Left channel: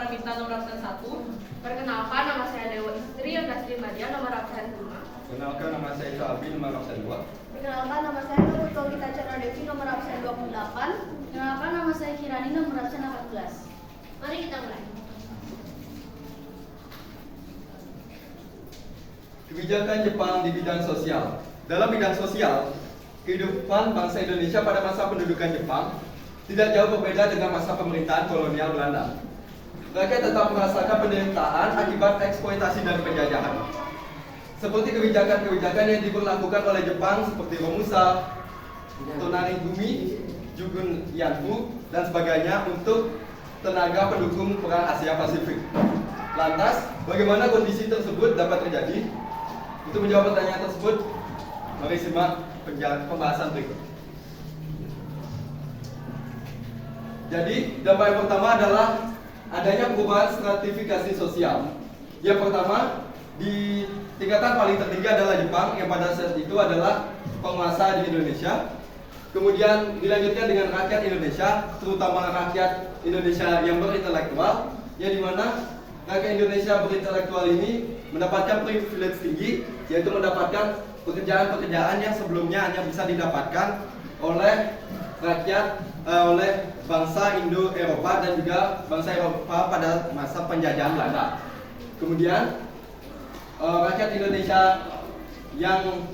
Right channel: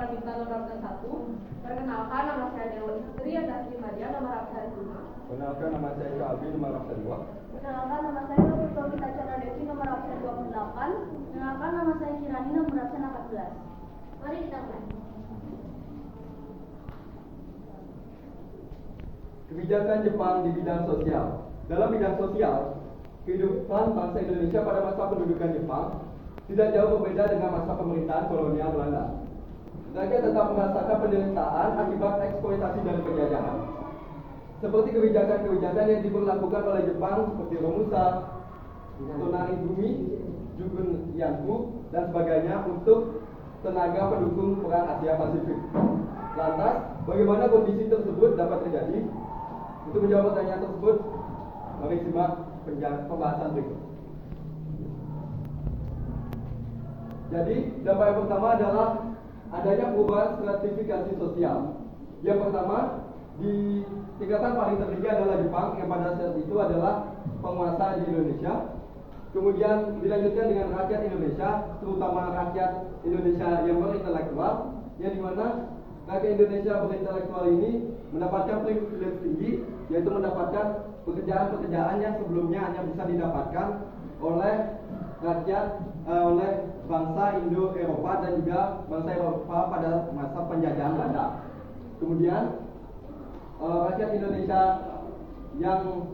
Paramita nomor absen 1. Perkenalkan, nama saya Dewa Istri Yogastri Madia nomor absen 5. Perkenalkan, nama saya Isa Abi nomor absen 2. Perkenalkan, nama saya Nurul Gita Chandra Devi nomor absen 28. Perkenalkan, nama saya Kirani nomor absen 14. Mari kita mulai. Kebijakan Jepang di bidang sosial. Dalam bidang sosial, kehidupan bangsa Indonesia pada masa pendudukan Jepang tidak jauh berbeda dengan masa pemerintahan kolonial Belanda. Rakyat tetap merasakan penderitaan akibat eksploitasi dan penjajahan. Seperti kebijakan-kebijakan yang diberlakukan oleh Jepang seperti Romusa, Tonarigumi, Jugun Yanfu, dan sebagainya untuk tenaga pendukung perang Asia Pasifik. Lantas, bagaimana kondisi tersebut dapat terjadi? Untuk menjawab pertanyaan tersebut, mari simak pembahasan berikut. Jadi, dampak yang pertama adalah adanya perubahan stratifikasi sosial. Yang pertama, di tingkatan paling tertinggi adalah Jepang yang pada saat itu adalah penguasa di Indonesia. Kemudian dilanjutkan dengan rakyat Indonesia, terutama rakyat Indonesia yang berintelektual, yang dimana rakyat Indonesia berintelektual ini mendapatkan privilege tinggi, yaitu mendapatkan pekerjaan-pekerjaan yang sebelumnya hanya bisa didapatkan oleh rakyat oleh bangsa Indo-Eropa dan juga bangsa Eropa pada masa penjajahan Belanda. Kemudian rakyat Indonesia yang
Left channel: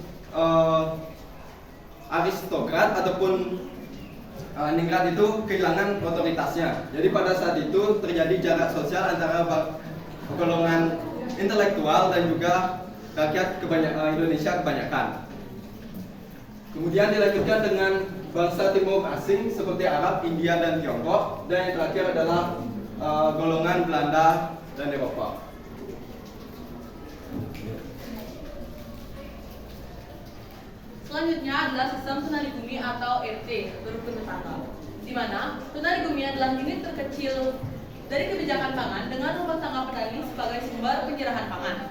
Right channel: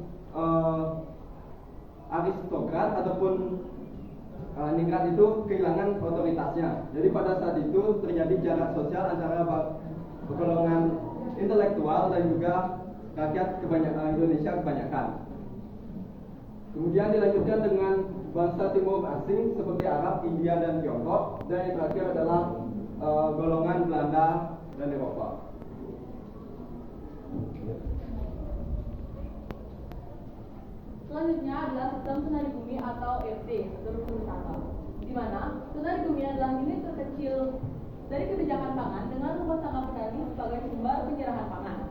aristokrat ataupun ningrat itu kehilangan otoritasnya. Jadi pada saat itu terjadi jarak sosial antara golongan intelektual dan juga rakyat Indonesia kebanyakan. Kemudian dilanjutkan dengan bangsa timur asing seperti Arab, India, dan Tiongkok. Dan yang terakhir adalah golongan Belanda dan Eropa. Selanjutnya adalah sistem tunarigumi atau RT, berukun tetangga, di mana tunarigumi adalah unit terkecil dari kebijakan pangan dengan rumah tangga petani sebagai sumber penyerahan pangan.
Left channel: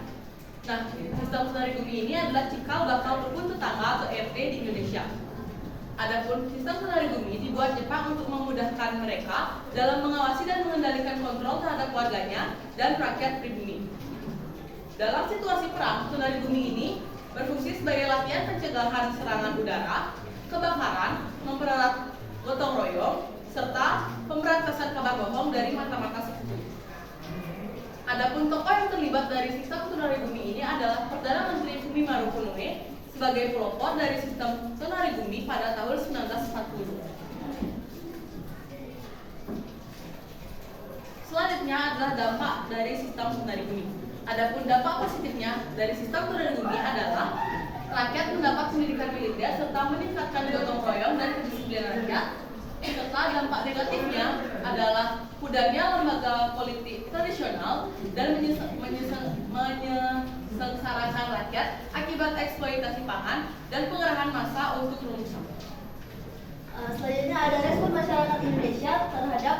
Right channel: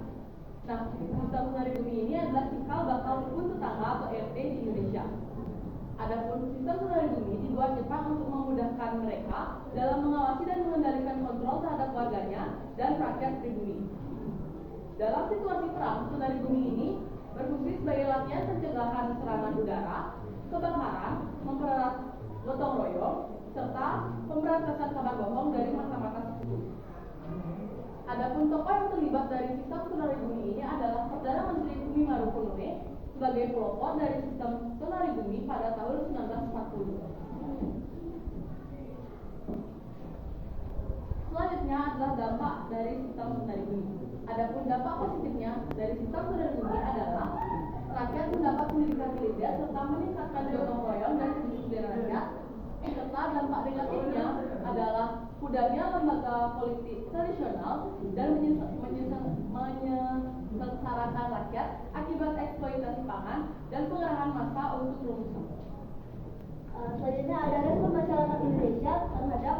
Nah, sistem tunarigumi ini adalah cikal bakal rukun tetangga atau RT di Indonesia. Adapun sistem tunarigumi dibuat Jepang untuk memudahkan mereka dalam mengawasi dan mengendalikan kontrol terhadap warganya dan rakyat pribumi. Dalam situasi perang, tunarigumi ini berfungsi sebagai latihan pencegahan serangan udara, kebakaran, mempererat gotong royong, serta pemberantasan kabar bohong dari mata-mata sekutu. Adapun tokoh yang terlibat dari sistem tunarigumi ini adalah Perdana Menteri Fumimaru Konoe sebagai pelopor dari sistem tunarigumi pada tahun 1940. Selanjutnya adalah dampak dari sistem tunarigumi. Adapun dampak positifnya dari sistem tunarigumi adalah rakyat mendapat pendidikan militer serta meningkatkan gotong royong dan kedisiplinan rakyat. Serta dampak negatifnya adalah pudarnya lembaga politik tradisional dan menyengsarakan rakyat akibat eksploitasi pangan dan pengerahan massa untuk rumusan. Selanjutnya ada respon masyarakat Indonesia terhadap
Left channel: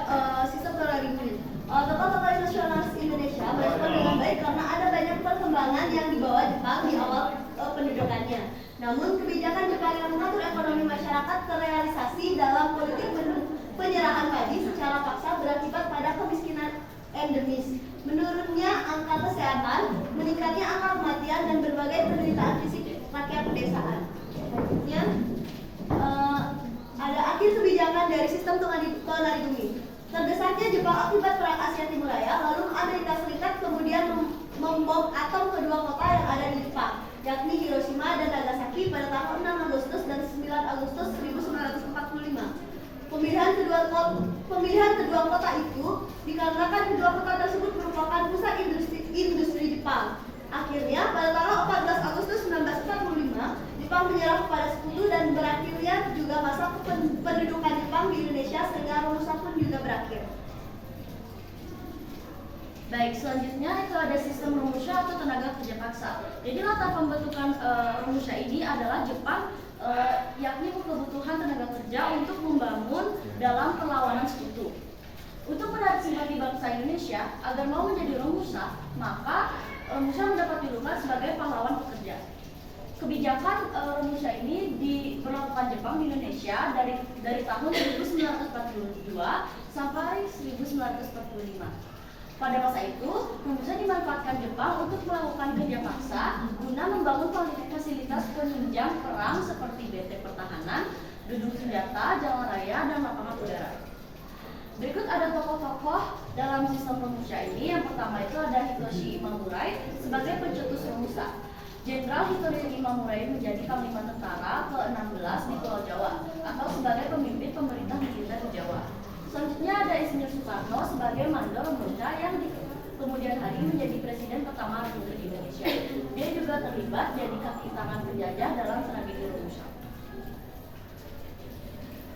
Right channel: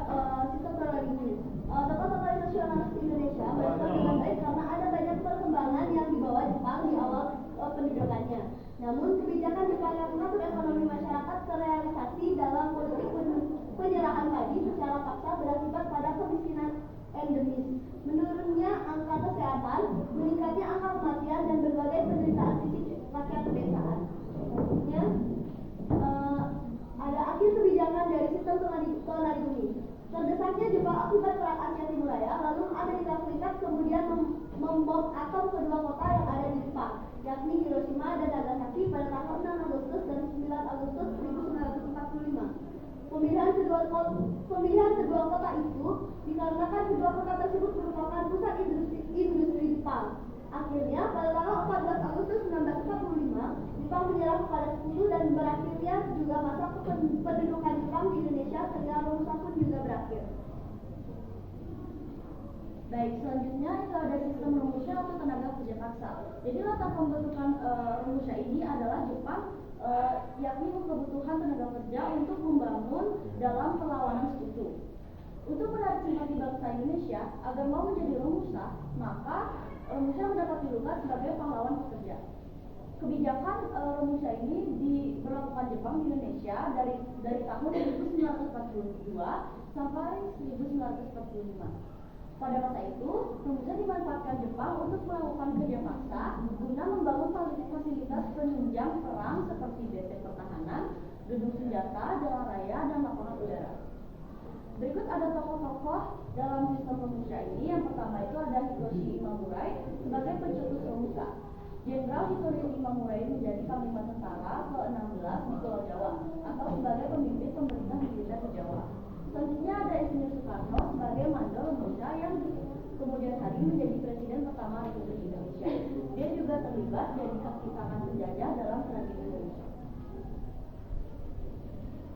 sistem tunarigumi. Tokoh-tokoh nasionalis Indonesia merespon dengan baik karena ada banyak perkembangan yang dibawa Jepang di awal pendudukannya. Namun kebijakan Jepang yang mengatur ekonomi masyarakat terrealisasi dalam politik penyerahan padi secara paksa berakibat pada kemiskinan endemis, menurunnya angka kesehatan, meningkatnya angka kematian dan berbagai penderitaan fisik rakyat pedesaan. Selanjutnya ada akhir kebijakan dari sistem tunarigumi. Terdesak Jepang akibat perang Asia Timur Raya, lalu Amerika Serikat kemudian membom atom kedua kota yang ada di Jepang, yakni Hiroshima dan Nagasaki pada tanggal 6 Agustus dan 9 Agustus 1945. Pemilihan kedua kota itu dikarenakan kedua kota tersebut merupakan pusat industri Jepang. Akhirnya pada tanggal 14 Agustus 1945 Jepang menyerah kepada Sekutu dan berakhirnya juga masa pendudukan Jepang di Indonesia sehingga Romusa pun juga berakhir. Baik, selanjutnya itu ada sistem Romusha atau tenaga kerja paksa. Jadi latar pembentukan Romusha ini adalah Jepang yakni kebutuhan tenaga kerja untuk membangun dalam perlawanan Sekutu. Untuk menarik simpati bangsa Indonesia agar mau menjadi Romusha, maka Romusha mendapat julukan sebagai pahlawan pekerja. Kebijakan Romusha ini diberlakukan Jepang di Indonesia dari tahun 1942 sampai 1945. Pada masa itu, Romusa dimanfaatkan Jepang untuk melakukan kerja paksa guna membangun fasilitas penunjang perang seperti benteng pertahanan, gedung senjata, jalan raya, dan lapangan udara. Berikut ada tokoh-tokoh dalam sistem Romusha ini. Yang pertama itu ada Hitoshi Imamurai sebagai pencetus Romusha. Jenderal Hitoshi Imamurai menjadi panglima tentara ke-16 di Pulau Jawa atau sebagai pemimpin pemerintah militer di Jawa. Selanjutnya ada Insinyur Soekarno sebagai mandor Romusha yang di kemudian hari menjadi presiden pertama Republik Indonesia. Dia juga terlibat jadi kaki tangan penjajah dalam tragedi Romusha.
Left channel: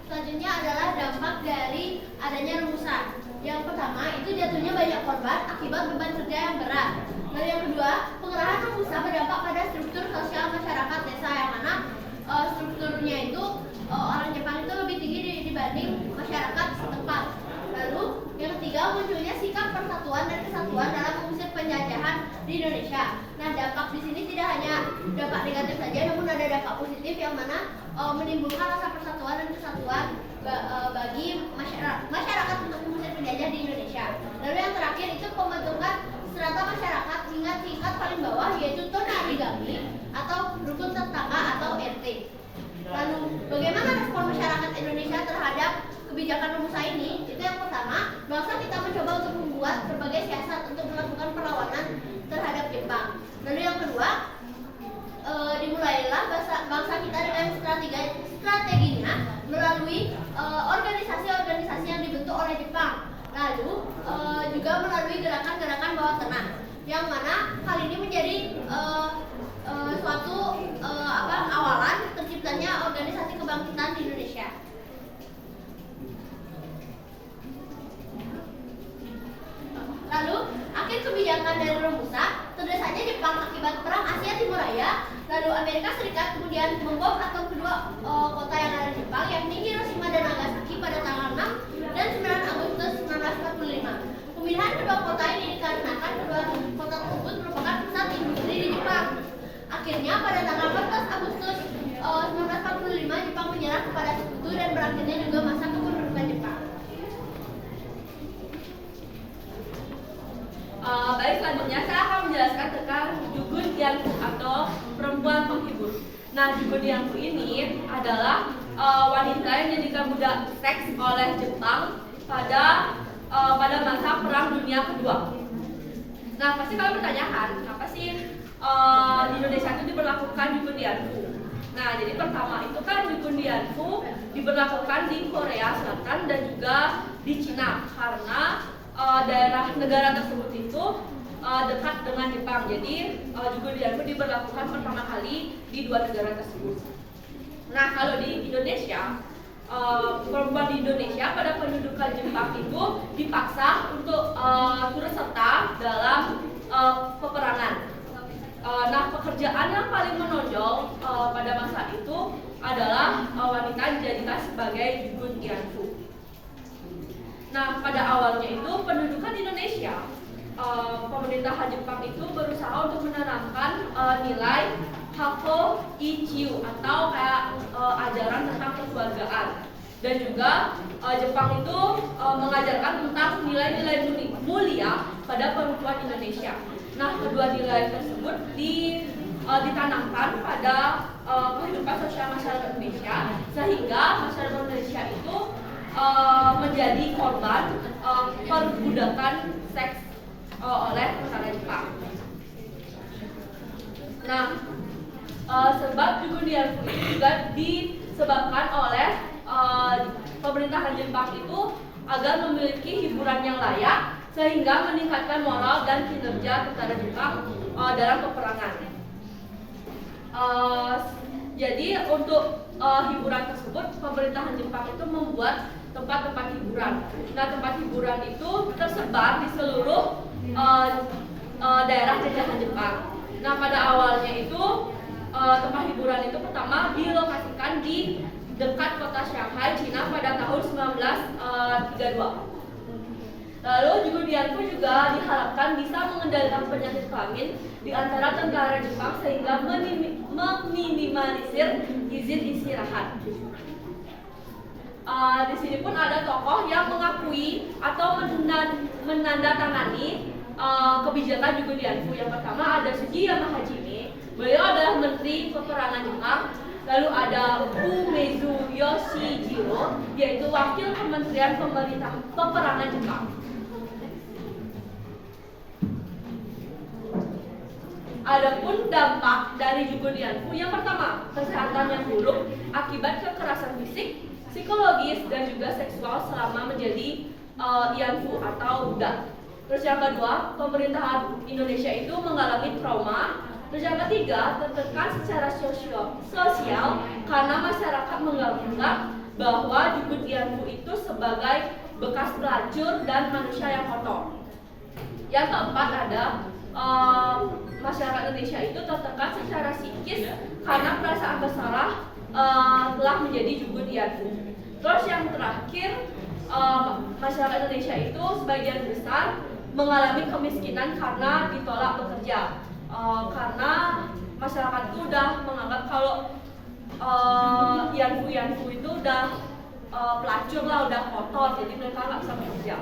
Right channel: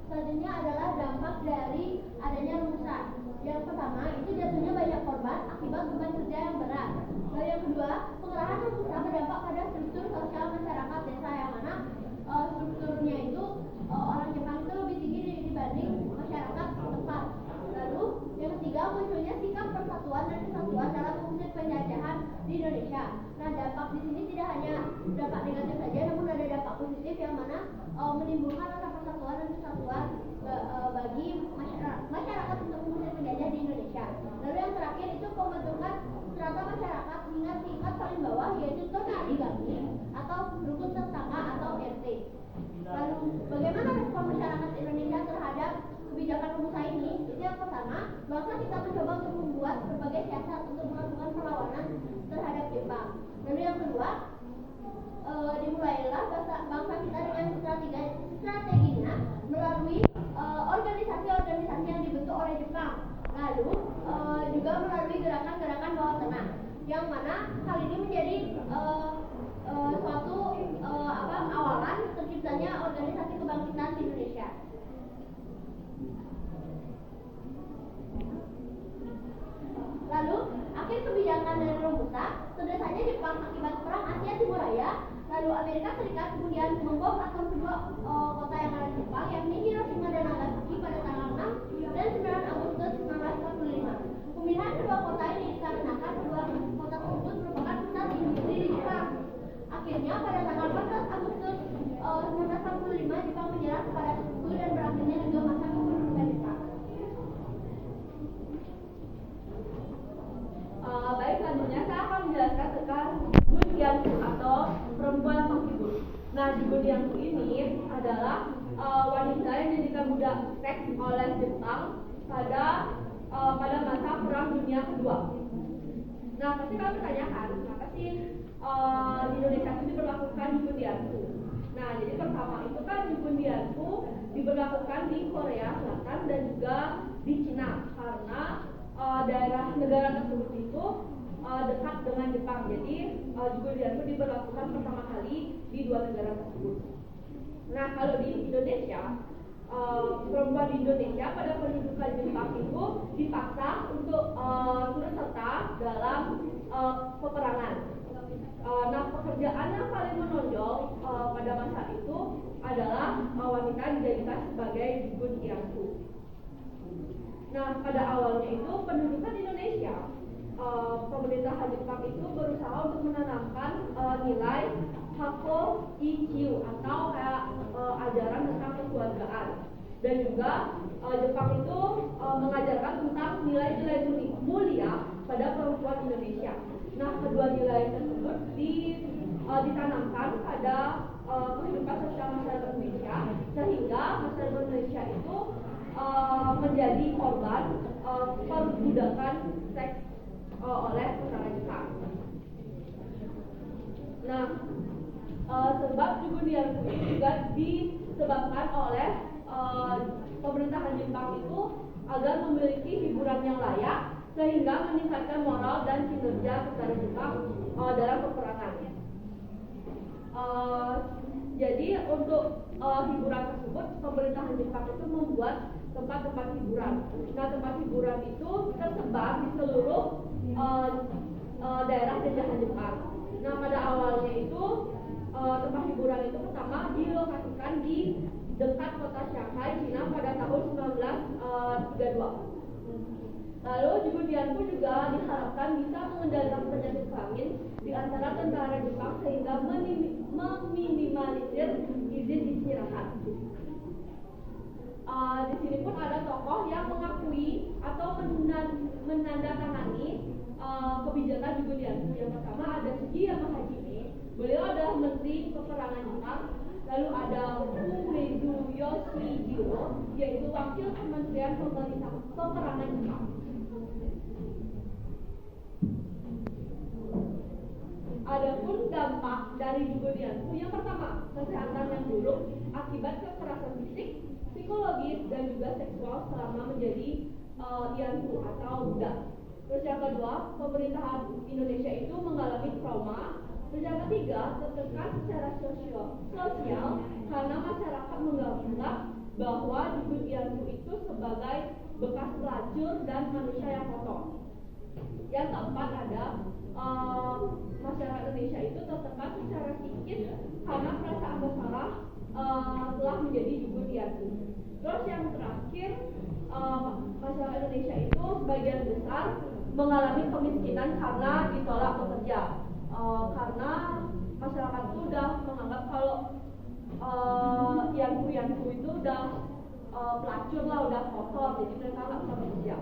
Selanjutnya adalah dampak dari adanya Romusha. Yang pertama itu jatuhnya banyak korban akibat beban kerja yang berat. Lalu yang kedua, pengerahan Romusha berdampak pada struktur sosial masyarakat desa yang mana strukturnya itu orang Jepang itu lebih tinggi dibanding masyarakat setempat. Lalu yang ketiga, munculnya sikap persatuan dan kesatuan dalam mengusir penjajahan di Indonesia. Nah, dampak di sini tidak hanya dampak negatif saja, namun ada dampak positif yang mana menimbulkan rasa persatuan dan kesatuan bagi masyarakat untuk mengusir penjajah di Indonesia. Lalu yang terakhir itu pembentukan strata masyarakat hingga tingkat paling bawah, yaitu tonarigami atau rukun tetangga atau RT. Lalu bagaimana respon masyarakat Indonesia terhadap kebijakan Romusha ini? Itu yang pertama, bangsa kita mencoba untuk membuat berbagai siasat untuk melakukan perlawanan terhadap Jepang. Lalu yang kedua, dimulailah bangsa kita dengan strateginya melalui organisasi-organisasi yang dibentuk oleh Jepang. Lalu juga melalui gerakan-gerakan bawah tanah, yang mana hal ini menjadi suatu awalan terciptanya organisasi kebangkitan di Indonesia. Lalu akhir kebijakan dari Romusha, terdesanya Jepang akibat perang Asia Timur Raya. Lalu Amerika Serikat kemudian membom atom kedua kota yang ada di Jepang, yakni Hiroshima dan Nagasaki pada tanggal 6 dan 9 Agustus 1945. Pemindahan kedua kota ini dikarenakan kedua kota tersebut merupakan pusat industri di Jepang. Akhirnya pada tanggal 14 Agustus 1945 Jepang menyerah kepada Sekutu dan berakhirnya juga masa kependudukan Jepang. Baik, selanjutnya saya akan menjelaskan tentang Jugun Dianfu atau perempuan penghibur. Nah, Jugun Dianfu ini adalah wanita yang dijadikan budak seks oleh Jepang pada masa Perang Dunia Kedua. Nah, pasti kalian bertanyakan, kenapa sih di Indonesia itu diberlakukan Jugun Dianfu? Nah, jadi pertama itu kan Jugun Dianfu diberlakukan di Korea Selatan dan juga di Cina karena daerah negara tersebut itu dekat dengan Jepang. Jadi Jugun Dianfu diberlakukan pertama kali di dua negara tersebut. Nah, kalau di Indonesia, perempuan di Indonesia pada pendudukan Jepang itu dipaksa untuk turut serta dalam peperangan. Nah, pekerjaan yang paling menonjol pada masa itu adalah wanita dijadikan sebagai Jugun Dianfu. Nah, pada awalnya itu pendudukan Indonesia, pemerintahan Jepang itu berusaha untuk menanamkan nilai Hako Ichiu atau kayak ajaran tentang kekeluargaan, dan juga Jepang itu mengajarkan tentang nilai-nilai mulia pada perempuan Indonesia. Nah, kedua nilai tersebut ditanamkan pada kehidupan sosial masyarakat Indonesia, sehingga masyarakat Indonesia itu menjadi korban perbudakan seks oleh tentara Jepang. Nah, sebab Jugun Dianfu ini juga disebabkan oleh pemerintahan Jepang itu agar memiliki hiburan yang layak sehingga meningkatkan moral dan kinerja tentara Jepang dalam peperangan. Jadi untuk hiburan tersebut pemerintahan Jepang itu membuat tempat-tempat hiburan. Nah, tempat hiburan itu tersebar di seluruh daerah jajahan Jepang. Nah, pada awalnya itu tempat hiburan itu pertama dilokasikan di dekat kota Shanghai, Cina pada tahun 1932. Lalu Jugun Dianfu juga diharapkan bisa mengendalikan penyakit kelamin di antara tentara Jepang sehingga meminimalisir izin istirahat. Di sini pun ada tokoh yang mengakui atau menandatangani kebijakan Jugo Dianfu. Yang pertama ada Sugiyama Hajime, beliau adalah Menteri Peperangan Jepang. Lalu ada Umezu Yoshijiro, yaitu Wakil Kementerian Pemerintah Peperangan Jepang. Adapun dampak dari Jugo Dianfu, yang pertama, kesehatan yang buruk akibat kekerasan fisik, psikologis, dan juga seksual selama menjadi Ianfu atau budak. Terus yang kedua, pemerintahan Indonesia itu mengalami trauma. Terus yang ketiga, tertekan secara sosial karena masyarakat menganggap bahwa Jugo Dianfu itu sebagai bekas pelacur dan manusia yang kotor. Yang keempat ada masyarakat Indonesia itu tertekan secara psikis karena perasaan bersalah telah menjadi Jugo Dianfu. Terus yang terakhir, masyarakat Indonesia itu sebagian besar mengalami kemiskinan karena ditolak bekerja. Karena masyarakat itu udah menganggap kalau Ianfu itu udah pelacur lah, udah kotor, jadi mereka nggak bisa bekerja.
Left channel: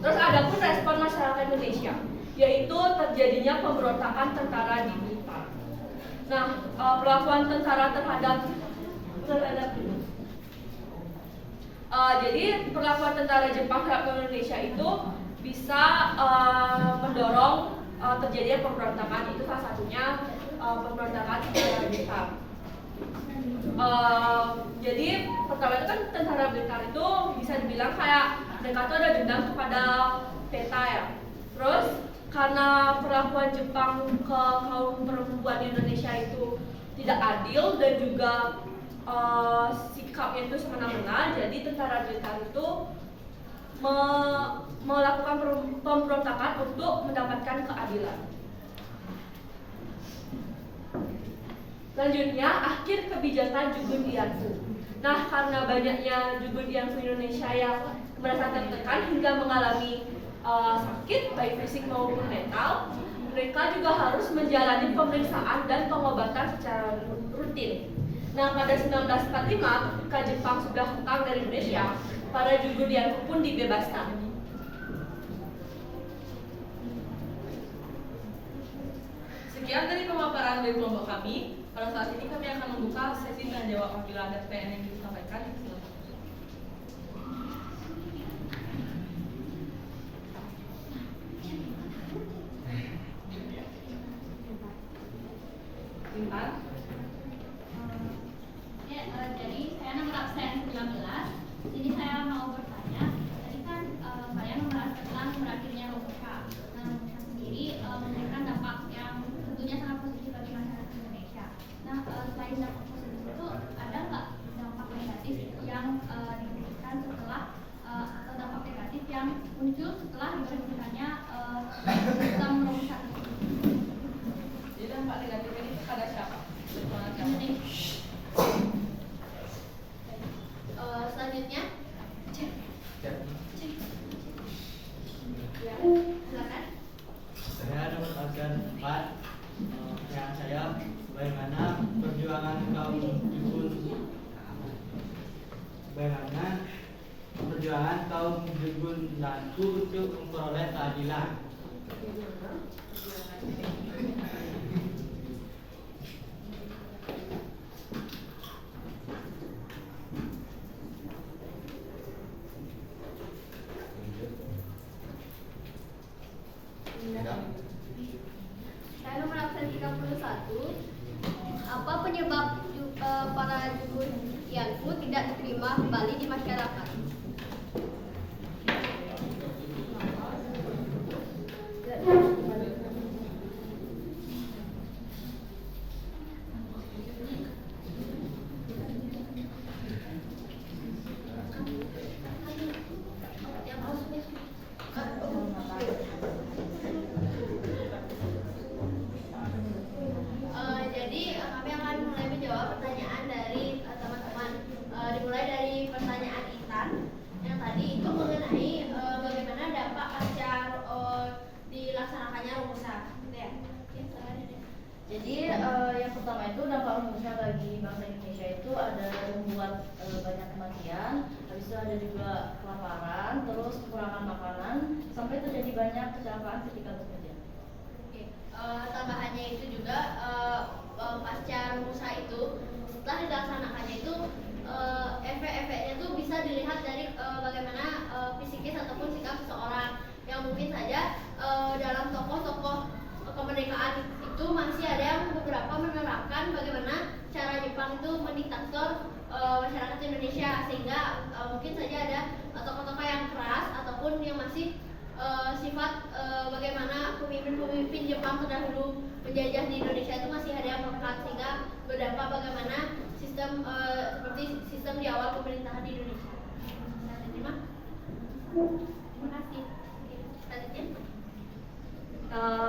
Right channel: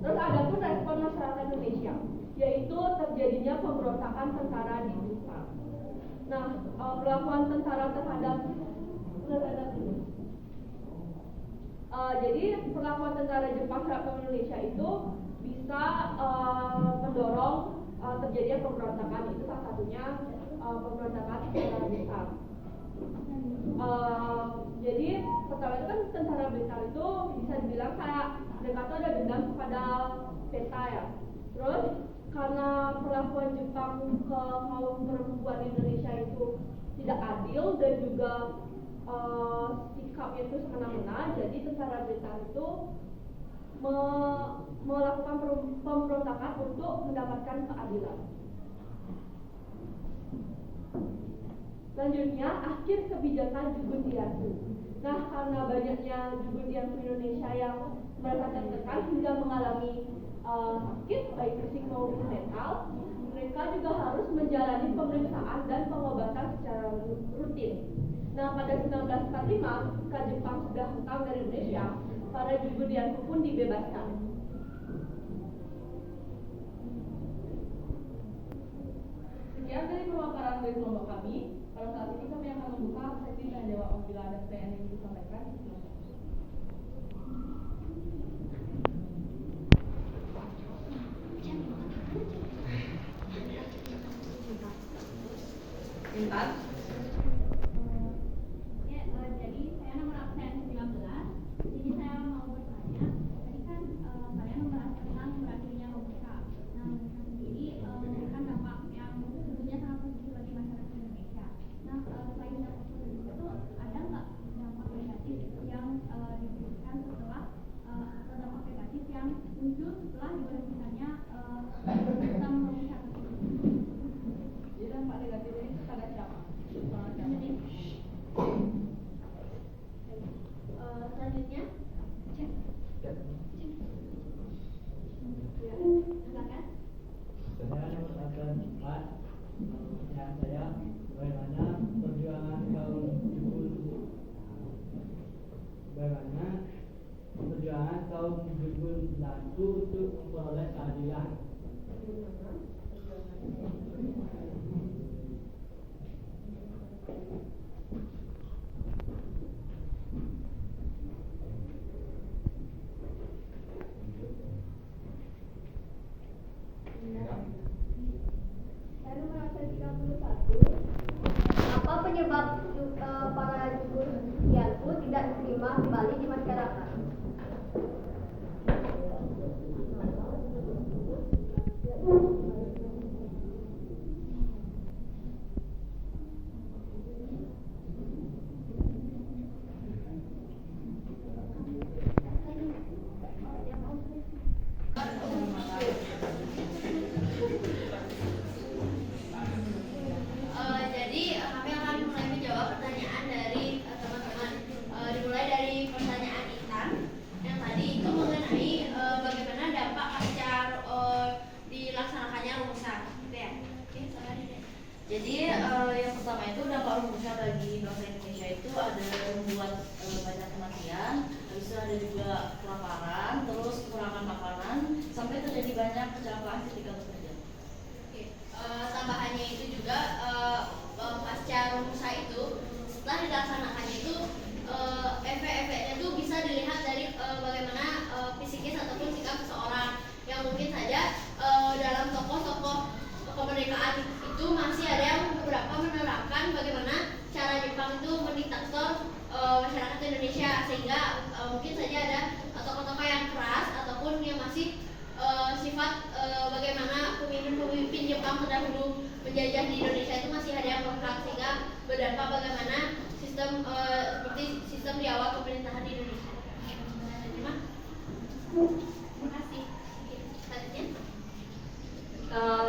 Terus ada pun respon masyarakat Indonesia, yaitu terjadinya pemberontakan tentara di Blitar. Nah, perlakuan tentara terhadap jadi perlakuan tentara Jepang terhadap Indonesia itu bisa mendorong terjadinya pemberontakan. Itu salah satunya pemberontakan tentara Blitar. Jadi pertama itu kan tentara Blitar itu bisa dibilang kayak mereka tuh ada dendam kepada PETA ya. Terus karena perlakuan Jepang ke kaum perempuan di Indonesia itu tidak adil dan juga sikapnya itu semena-mena, jadi tentara Blitar itu melakukan pemberontakan untuk mendapatkan keadilan. Selanjutnya, akhir kebijakan Jugo Dianfu. Nah, karena banyaknya Jugo Dianfu Indonesia yang merasa tertekan hingga mengalami sakit baik fisik maupun mental, mereka juga harus menjalani pemeriksaan dan pengobatan secara rutin. Nah, pada 1945, ketika Jepang sudah hengkang dari Indonesia, para Jugo Dianfu pun dibebaskan. Sekian dari pemaparan dari kelompok kami. Pada saat ini kami akan membuka sesi tanya jawab apabila ada pertanyaan yang ingin disampaikan. Intan. Jadi saya nomor absen 19. Jadi saya mau bertanya, tadi kan kalian membahas tentang berakhirnya Romusha. Nah, Romusha sendiri memberikan dampak yang tentunya sangat positif bagi masyarakat Indonesia. Nah, selain dampak positif itu, ada nggak dampak negatif yang diberikan setelah atau dampak negatif yang muncul setelah diberhentikannya program Romusha tersebut? Jadi dampak negatif ini pada siapa? Selanjutnya, silakan. Saya nomor organ 4. Yang saya bagaimana perjuangan kaum Jugun Dianfu untuk memperoleh keadilan. Saya nomor absen 31. Apa penyebab para Jugo Dianfu tidak diterima kembali di masyarakat? Jadi kami akan mulai menjawab pertanyaan dari teman-teman. Dimulai dari pertanyaan Intan. kematian, habis itu ada juga kelaparan, terus kekurangan makanan, sampai terjadi banyak kecelakaan ketika bekerja. Oke, tambahannya itu juga pasca rumusan itu setelah dilaksanakannya itu efek-efeknya itu bisa dilihat dari bagaimana psikis ataupun sikap seseorang yang mungkin saja dalam tokoh-tokoh kemerdekaan itu masih ada yang beberapa menerapkan bagaimana cara Jepang itu mendiktator masyarakat Indonesia, sehingga mungkin saja ada tokoh-tokoh yang keras ataupun yang masih sifat bagaimana pemimpin-pemimpin Jepang terdahulu menjajah di Indonesia itu masih ada yang melekat, sehingga berdampak bagaimana sistem seperti sistem di awal pemerintahan di Indonesia. Terima kasih. Selanjutnya.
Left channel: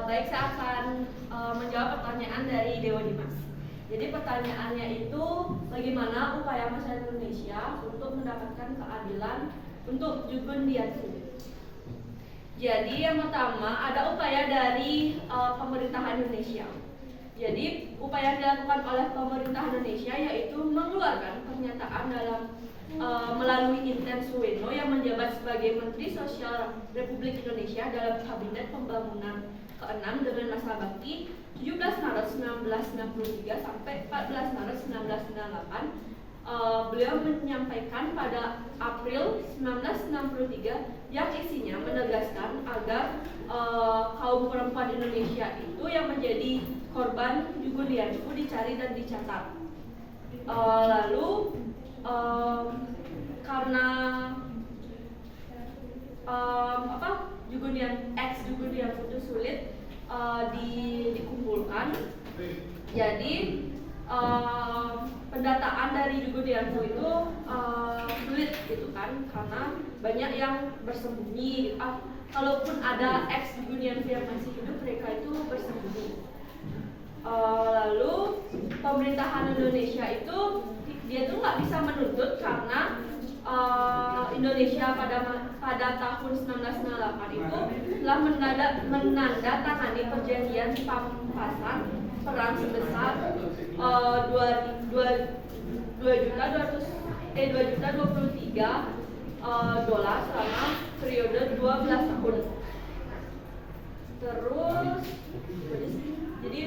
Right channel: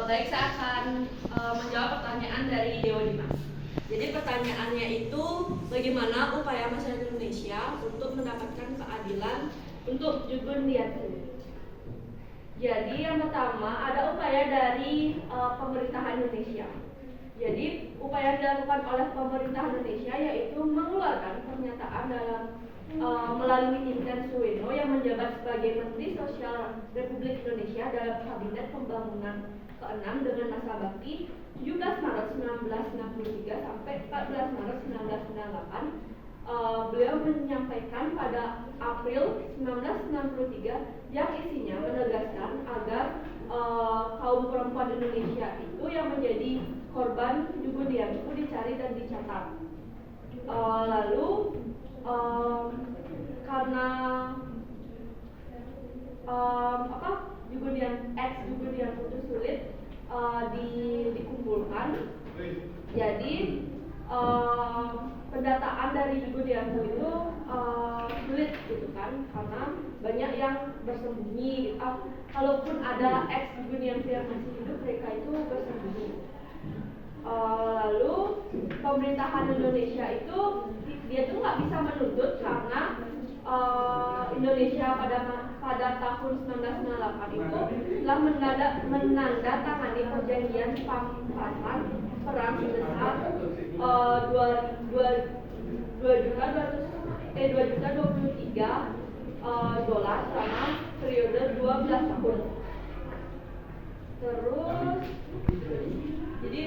Baik, saya akan menjawab pertanyaan dari Dewa Dimas. Jadi pertanyaannya itu bagaimana upaya masyarakat Indonesia untuk mendapatkan keadilan untuk Jugun Dianfu. Jadi yang pertama ada upaya dari pemerintahan Indonesia. Jadi upaya yang dilakukan oleh pemerintahan Indonesia yaitu mengeluarkan pernyataan dalam melalui Inten Suweno yang menjabat sebagai Menteri Sosial Republik Indonesia dalam Kabinet Pembangunan ke-6 dengan masa bakti 17 Maret 1963 sampai 14 Maret 1998. Beliau menyampaikan pada April 1963 yang isinya menegaskan agar kaum perempuan Indonesia itu yang menjadi korban Jugun Dianfu dicari dan dicatat. Lalu karena Jugun Dianfu itu sulit dikumpulkan, jadi pendataan dari Jugun Dianfu itu sulit gitu kan, karena banyak yang bersembunyi. Kalaupun ada ex Jugun Dianfu yang masih hidup, mereka itu bersembunyi. Lalu pemerintahan Indonesia itu dia tuh nggak bisa menuntut karena Indonesia pada tahun 1998 itu telah menandatangani perjanjian pampasan perang sebesar 2.023 dolar selama periode 12 tahun. Terus jadi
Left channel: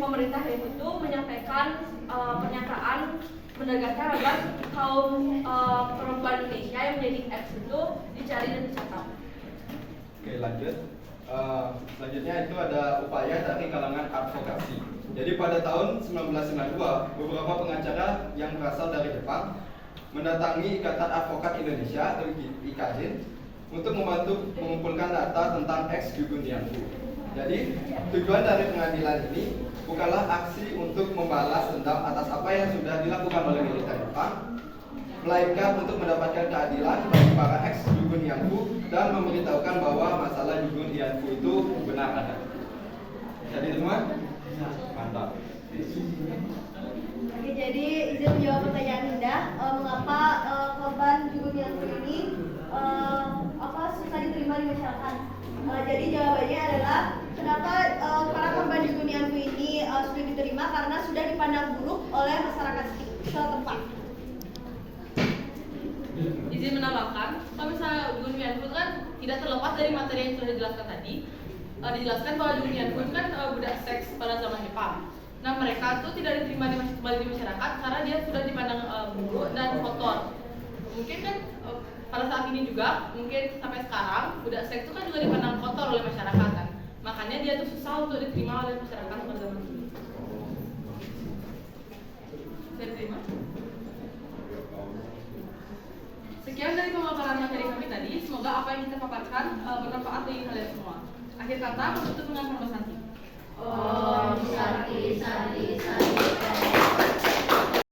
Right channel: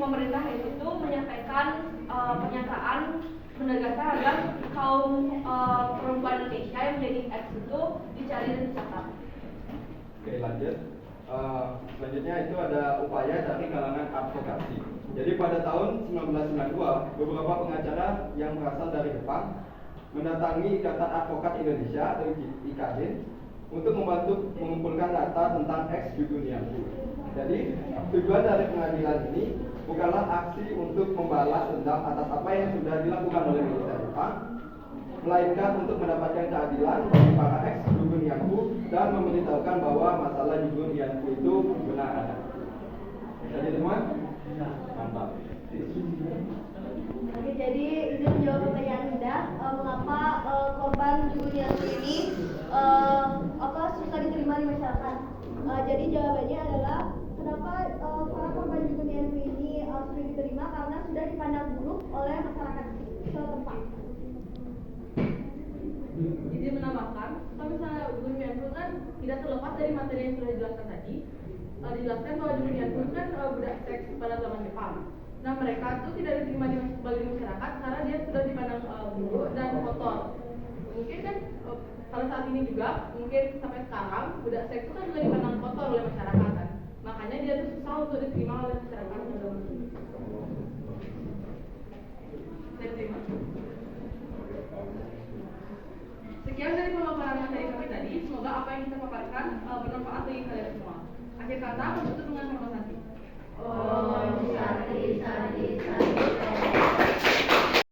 pemerintah yang itu menyampaikan pernyataan menegaskan agar kaum perempuan Indonesia yang menjadi ex itu dicari dan dicatat. Oke, lanjut. Selanjutnya itu ada upaya dari kalangan advokasi. Jadi pada tahun 1992 beberapa pengacara yang berasal dari Jepang mendatangi Ikatan Advokat Indonesia atau IKJ untuk membantu mengumpulkan data tentang ex Jugun Dianfu. Jadi tujuan dari pengadilan ini bukanlah aksi untuk membalas dendam atas apa yang sudah dilakukan oleh militer Jepang, melainkan untuk mendapatkan keadilan bagi para ex Jugun Dianfu dan memberitahukan bahwa masalah Jugun Dianfu itu benar ada. Jadi teman, mantap. Oke, jadi izin menjawab pertanyaan Indah, mengapa korban Jugun Dianfu ini susah diterima di masyarakat? Jadi jawabannya adalah kenapa para korban Jugun Dianfu ini sudah diterima karena sudah dipandang buruk oleh masyarakat setempat. Izin menambahkan, kalau misalnya Jugun Dianfu kan tidak terlepas dari materi yang sudah dijelaskan tadi. Dijelaskan bahwa Jugun Dianfu itu kan budak seks pada zaman Jepang. Nah, mereka tuh tidak diterima kembali di masyarakat karena dia sudah dipandang buruk dan kotor. Mungkin kan pada saat ini juga, mungkin sampai sekarang budak seks itu kan juga dipandang kotor oleh masyarakat kan. Makanya dia tuh susah untuk diterima oleh masyarakat pada zaman dulu. Diterima. Sekian dari pemaparan materi kami tadi. Semoga apa yang kita paparkan bermanfaat bagi kalian semua. Akhir kata, menutup dengan Sarma Santi. Om Santi Santi Santi.